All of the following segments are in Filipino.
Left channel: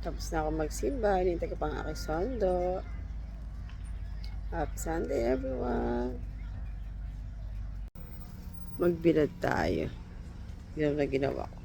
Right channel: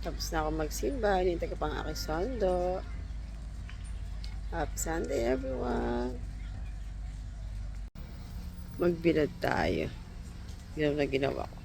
Tapos na ako magsimba. Hinintay ko pang aking sondo. Happy Sunday everyone. Magbilad tayo. Yan na ginawa ko.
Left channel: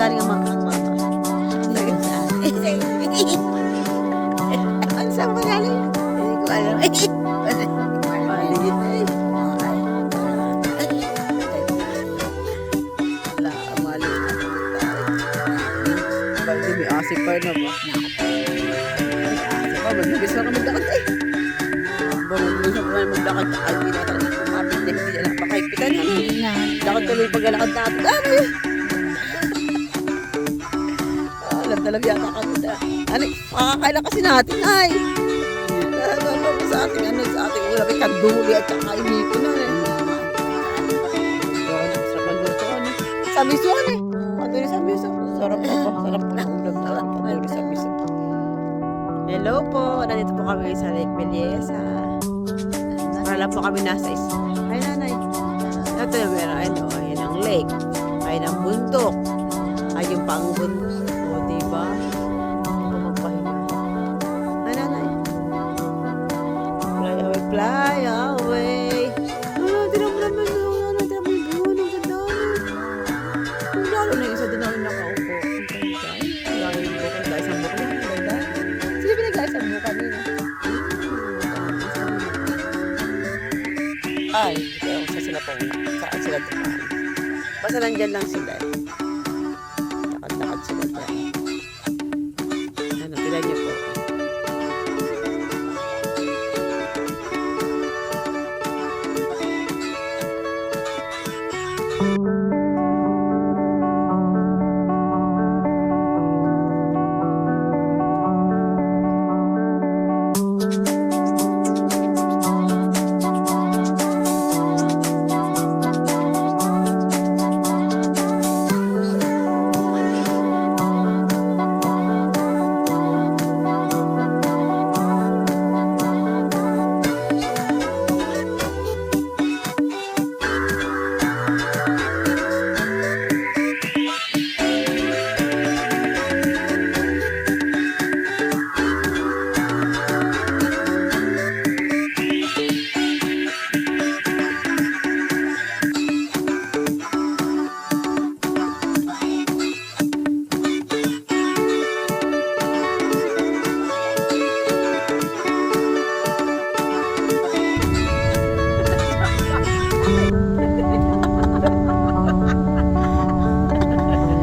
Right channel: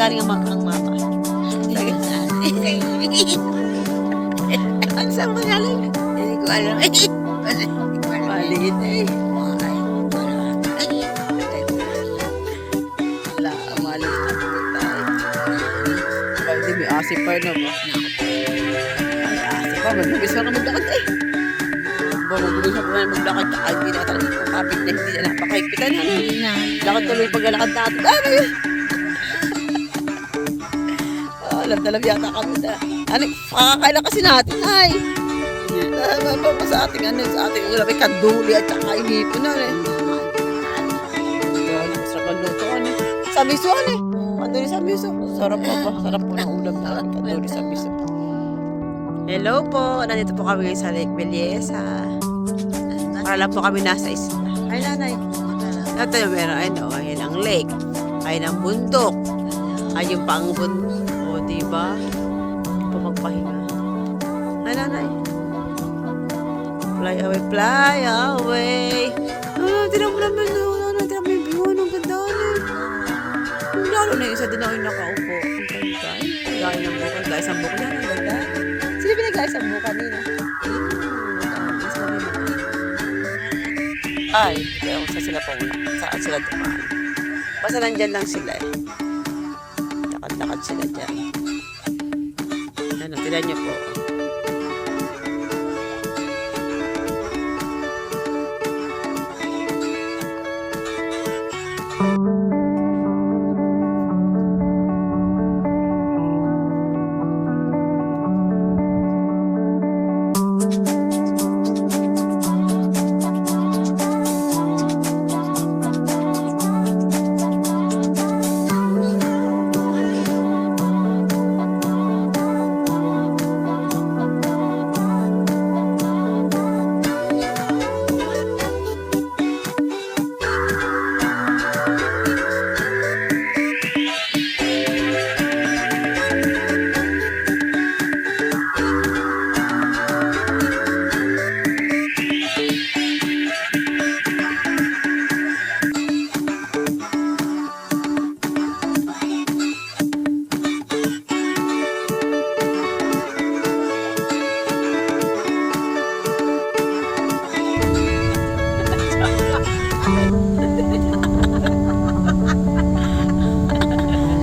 Galing ang mama. Ano saan ba galing? Hindi ko alam. Maliit eh. Wala, maliit na tayo. Bakit di may asip pa na ba? Ay, asip pa. Magbibis na ka maglakad eh. Magbibis na pa maglakad. Ay, hindi na talaga kapit na hindi na napakaipitan. Lakad tuloy paglalakad natin. Ano yun? Alam talaga yata kami na. Ano, makakailan kasi natin ay. Tama po sa ating ano, sa ating ulam ay kanduli at saka inipo na eh. Sarap ang luto ano. Sa miso ano eh. Kanduli sa miso. Sarap po ba? Sarap po ng ulam na kanduli sa miso. Hello po. Nandito po kami sa Lake Bellesa. Para lang po kami nasa isla. Ay nanay. Ito yung meron. Ayan ang lake. Ayan ang bundok. Ay yung pang bundok. Diba? Ito magpahinga. Ay, nanay. Fly away, fly away. Tinan mo naman. Tinan mo yung view. Ang ganda na. Lalo na yung isa din ako yung nakaupo. Ang ganda. Gaya ng bukan. Gaya sa bukan. Yan, ang ganda. Sino pinagaya sa bukan nila? Ay, hindi ako sa sila po. Saan sila dumaan? Basta nandyan lang sila eh. Lakad-lakad sila dyan. Ano, tila niyo po.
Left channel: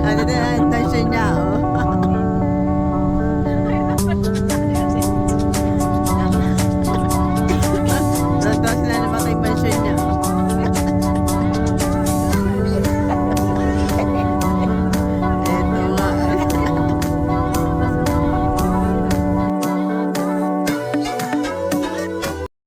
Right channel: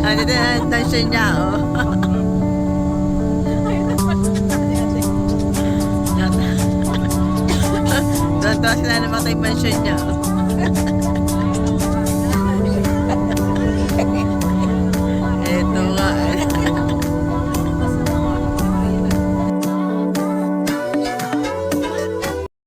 Ano din ang tension niya, oh. Doon sila namatay mansion niya.